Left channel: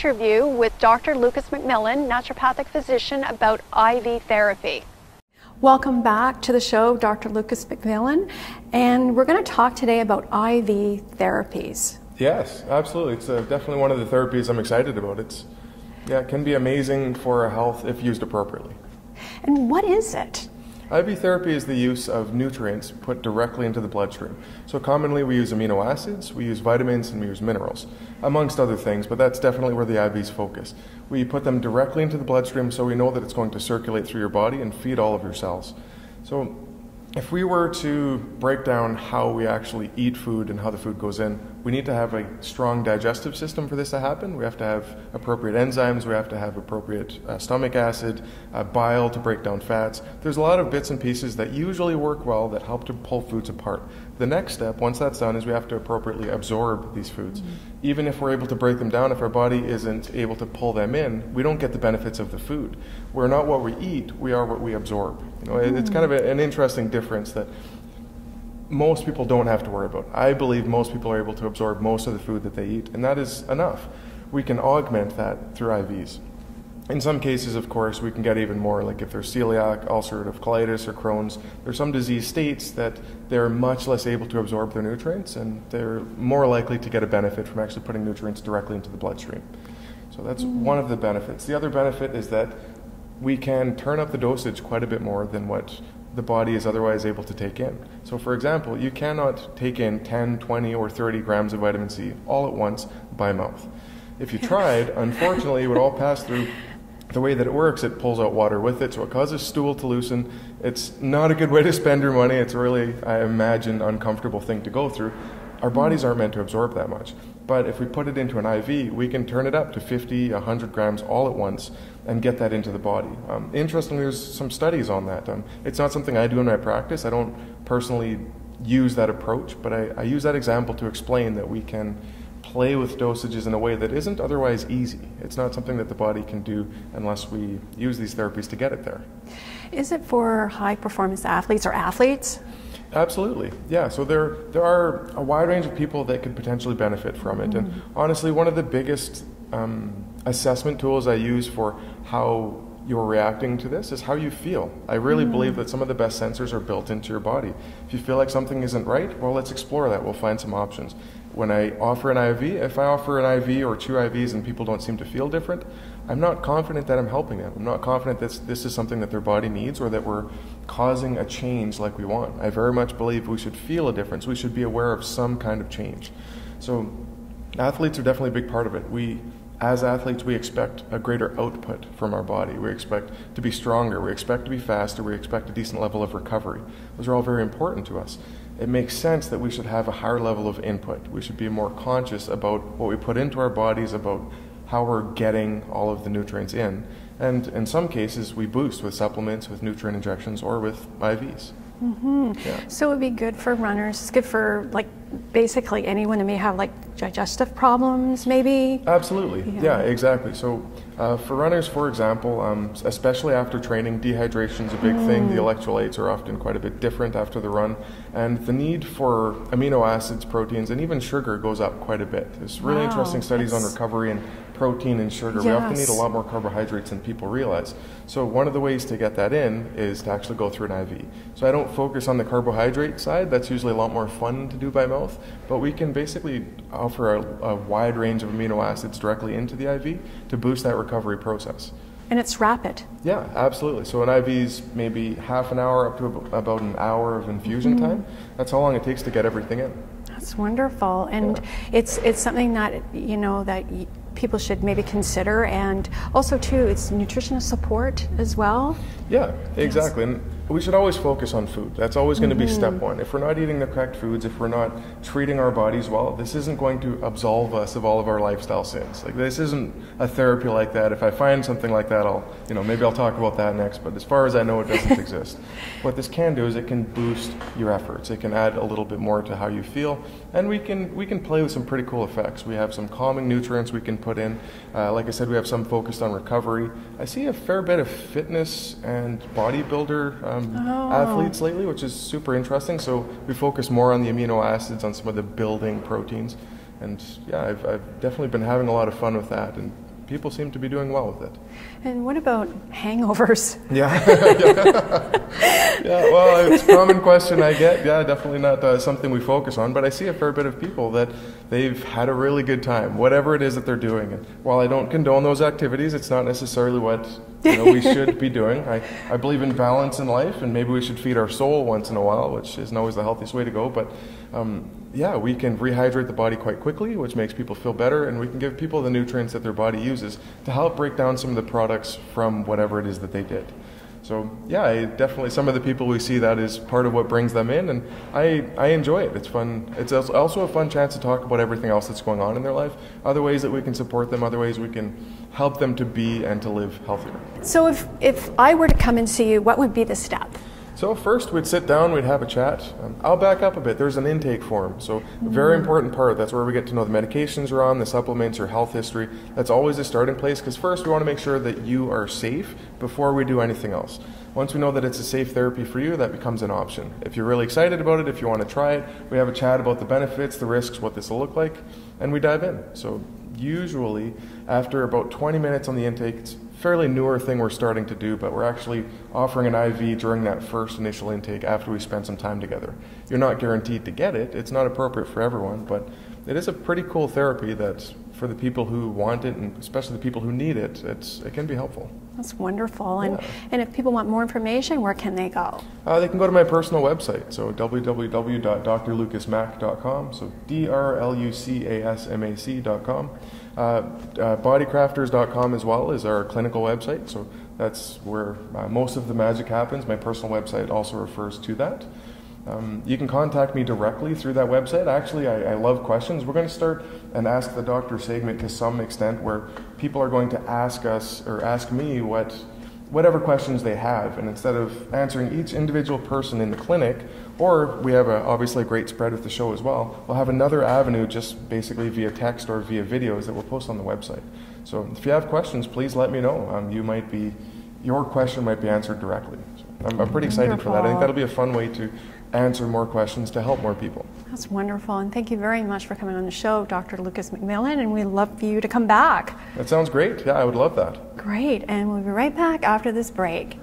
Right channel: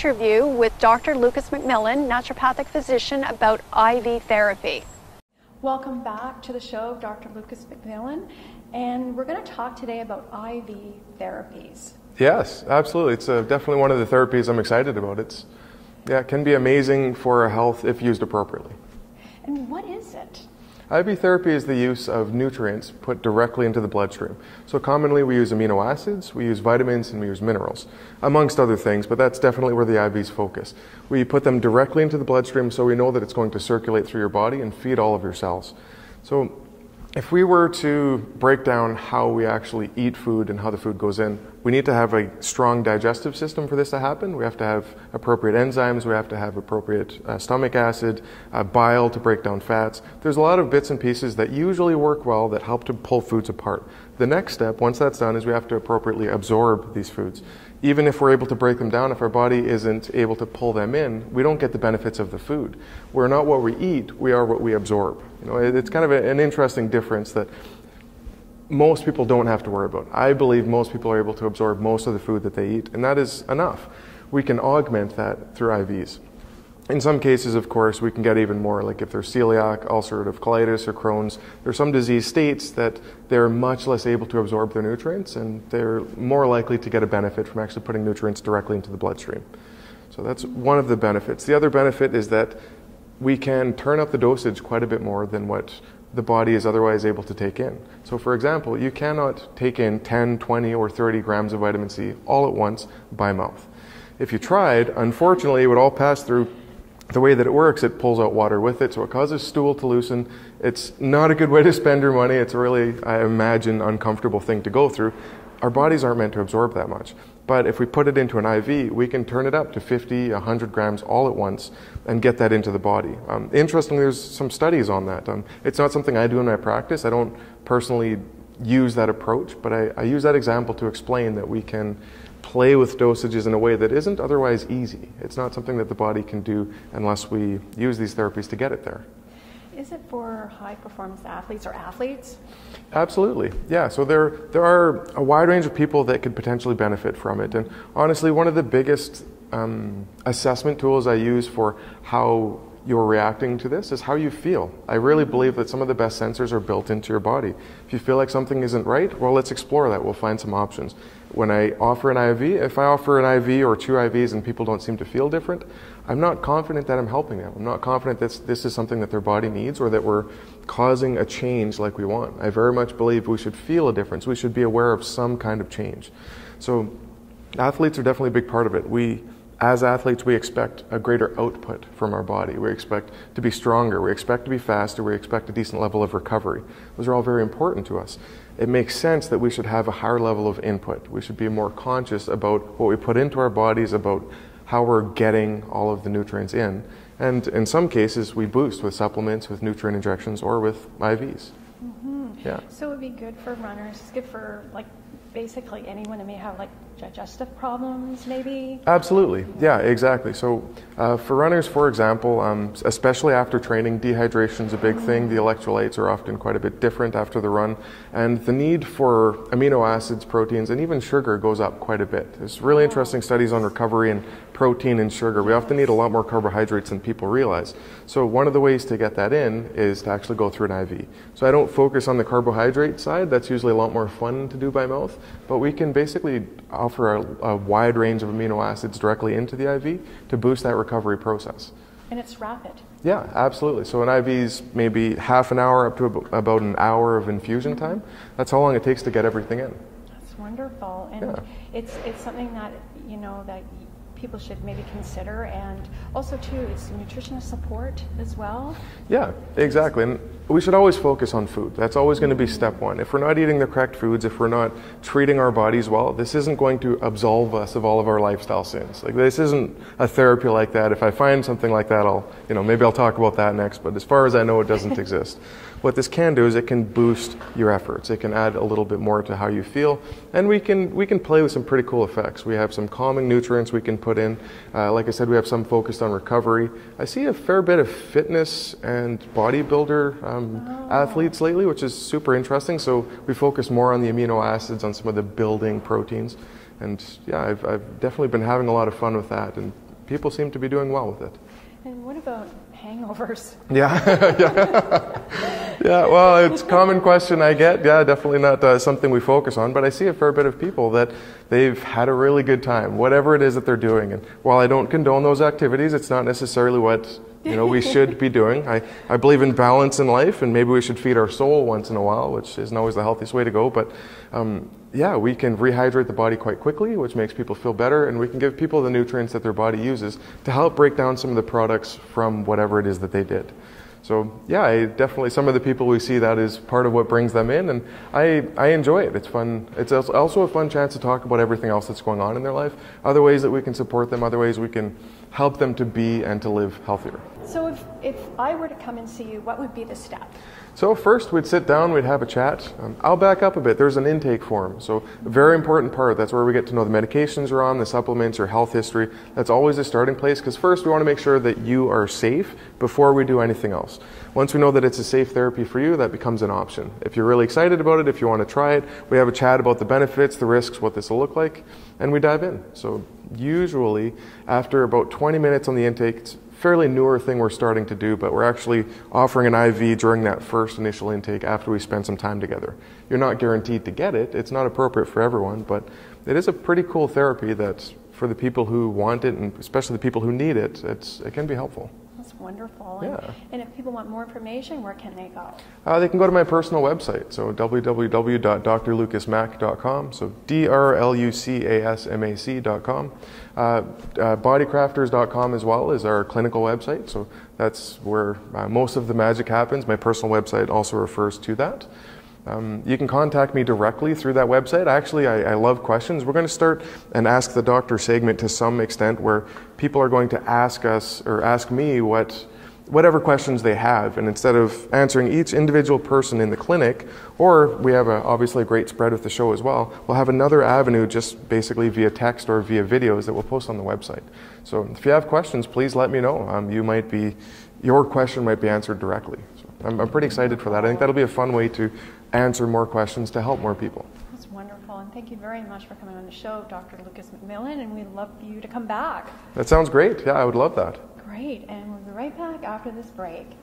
interview with Dr. LucasMacMillan, naturopathic physician, about IV therapy. Welcome back to the show, Dr. LucasMacMillan, and we're going to talk today about IV therapies. Yes, absolutely. It's definitely one of the therapies I'm excited about. It can be amazing for our health if used appropriately. And what is it? IV therapy is the use of nutrients put directly into the bloodstream. So commonly we use amino acids, we use vitamins, and we use minerals, amongst other things, but that's definitely where the IVs focus. We put them directly into the bloodstream so we know that it's going to circulate through your body and feed all of your cells. So if we were to break down how we actually eat food and how the food goes in, we need to have a strong digestive system for this to happen. We have to have appropriate enzymes, we have to have appropriate stomach acid, bile to break down fats. There's a lot of bits and pieces that usually work well that help to pull foods apart. The next step, once that's done, is we have to appropriately absorb these foods. Even if we're able to break them down, if our body isn't able to pull them in, we don't get the benefits of the food. We're not what we eat, we are what we absorb. You know, it's kind of an interesting difference that most people don't have to worry about. I believe most people are able to absorb most of the food that they eat, and that is enough. We can augment that through IVs. In some cases, of course, we can get even more, like if there's celiac, ulcerative colitis, or Crohn's. There's some disease states that they're much less able to absorb their nutrients, and they're more likely to get a benefit from actually putting nutrients directly into the bloodstream. So that's one of the benefits. The other benefit is that we can turn up the dosage quite a bit more than what the body is otherwise able to take in. So for example, you cannot take in 10, 20, or 30 grams of vitamin C all at once by mouth. If you tried, unfortunately, it would all pass through. The way that it works, it pulls out water with it, so it causes stool to loosen. It's not a good way to spend your money. It's a really, I imagine, uncomfortable thing to go through. Our bodies aren't meant to absorb that much. But if we put it into an IV, we can turn it up to 50, 100 grams all at once and get that into the body. Interestingly, there's some studies on that. It's not something I do in my practice. I don't personally use that approach, but I use that example to explain that we can play with dosages in a way that isn't otherwise easy. It's not something that the body can do unless we use these therapies to get it there. Is it for high performance athletes or athletes? Absolutely, yeah. So there are a wide range of people that could potentially benefit from it. And honestly, one of the biggest assessment tools I use for how you're reacting to this is how you feel. I really believe that some of the best sensors are built into your body. If you feel like something isn't right, well, let's explore that. We'll find some options. When I offer an IV, if I offer an IV or 2 IVs and people don't seem to feel different, I'm not confident that I'm helping them. I'm not confident that this is something that their body needs or that we're causing a change like we want. I very much believe we should feel a difference. We should be aware of some kind of change. So athletes are definitely a big part of it. As athletes, we expect a greater output from our body. We expect to be stronger. We expect to be faster. We expect a decent level of recovery. Those are all very important to us. It makes sense that we should have a higher level of input. We should be more conscious about what we put into our bodies, about how we're getting all of the nutrients in. And in some cases, we boost with supplements, with nutrient injections, or with IVs. Yeah. So it would be good for runners. It's good for basically anyone that may have digestive problems, maybe. Absolutely. Yeah, exactly. So for runners, for example, especially after training, dehydration is a big thing. The electrolytes are often quite a bit different after the run, and the need for amino acids, proteins, and even sugar goes up quite a bit. There's really interesting studies on recovery and protein and sugar. We often need a lot more carbohydrates than people realize. So one of the ways to get that in is to actually go through an IV. So I don't focus on the carbohydrate side. That's usually a lot more fun to do by mouth, but we can basically offer a wide range of amino acids directly into the IV to boost that recovery process. And it's rapid. Yeah, absolutely. So an IV is maybe half an hour up to about an hour of infusion time. That's how long it takes to get everything in. That's wonderful. And it's something that, that people should maybe consider, and also too, it's nutritional support as well. Yeah, exactly. And we should always focus on food. That's always going to be step one. If we're not eating the correct foods, if we're not treating our bodies well, this isn't going to absolve us of all of our lifestyle sins. This isn't a therapy like that. If I find something like that, maybe I'll talk about that next, but as far as I know, it doesn't exist. What this can do is it can boost your efforts. It can add a little bit more to how you feel, and we can play with some pretty cool effects. We have some calming nutrients we can put in. Like I said, we have some focused on recovery. I see a fair bit of fitness and bodybuilder athletes lately, which is super interesting. So we focus more on the amino acids, on some of the building proteins. And yeah, I've definitely been having a lot of fun with that. And people seem to be doing well with it. And what about hangovers? Yeah. Yeah, well, it's a common question I get. Yeah, definitely not something we focus on, but I see a fair bit of people that they've had a really good time, whatever it is that they're doing. And while I don't condone those activities, it's not necessarily what we should be doing. I believe in balance in life, and maybe we should feed our soul once in a while, which isn't always the healthiest way to go. But yeah, we can rehydrate the body quite quickly, which makes people feel better, and we can give people the nutrients that their body uses to help break down some of the products from whatever it is that they did. So yeah, definitely some of the people we see, that is part of what brings them in, and I enjoy it. It's fun. It's also a fun chance to talk about everything else that's going on in their life, other ways that we can support them, other ways we can help them to be and to live healthier. So if I were to come and see you, what would be the step? So first we'd sit down, we'd have a chat. I'll back up a bit. There's an intake form. So a very important part. That's where we get to know the medications you're on, the supplements, your health history. That's always a starting place, because first we want to make sure that you are safe before we do anything else. Once we know that it's a safe therapy for you, that becomes an option. If you're really excited about it, if you want to try it, we have a chat about the benefits, the risks, what this will look like, and we dive in. So usually after about 20 minutes on the intake, it's a fairly newer thing we're starting to do, but we're actually offering an IV during that first initial intake after we spend some time together. You're not guaranteed to get it. It's not appropriate for everyone, but it is a pretty cool therapy that for the people who want it, and especially the people who need it, it can be helpful. That's wonderful. And if people want more information, where can they go? They can go to my personal website, so www.drlucasmac.com, so drlucasmac.com. Bodycrafters.com as well is our clinical website, so that's where most of the magic happens. My personal website also refers to that. You can contact me directly through that website. Actually, I love questions. We're going to start an Ask the Doctor segment to some extent, where people are going to ask us or ask me whatever questions they have. And instead of answering each individual person in the clinic, or we have obviously a great spread with the show as well, we'll have another avenue just basically via text or via videos that we'll post on the website. So if you have questions, please let me know. Your question might be answered directly. So I'm pretty excited for that. I think that'll be a fun way to answer more questions to help more people. That's wonderful, and thank you very much for coming on the show, Dr. LucasMacMillan, and we'd love for you to come back. That sounds great. Yeah, I would love that. Great, and we'll be right back after this break.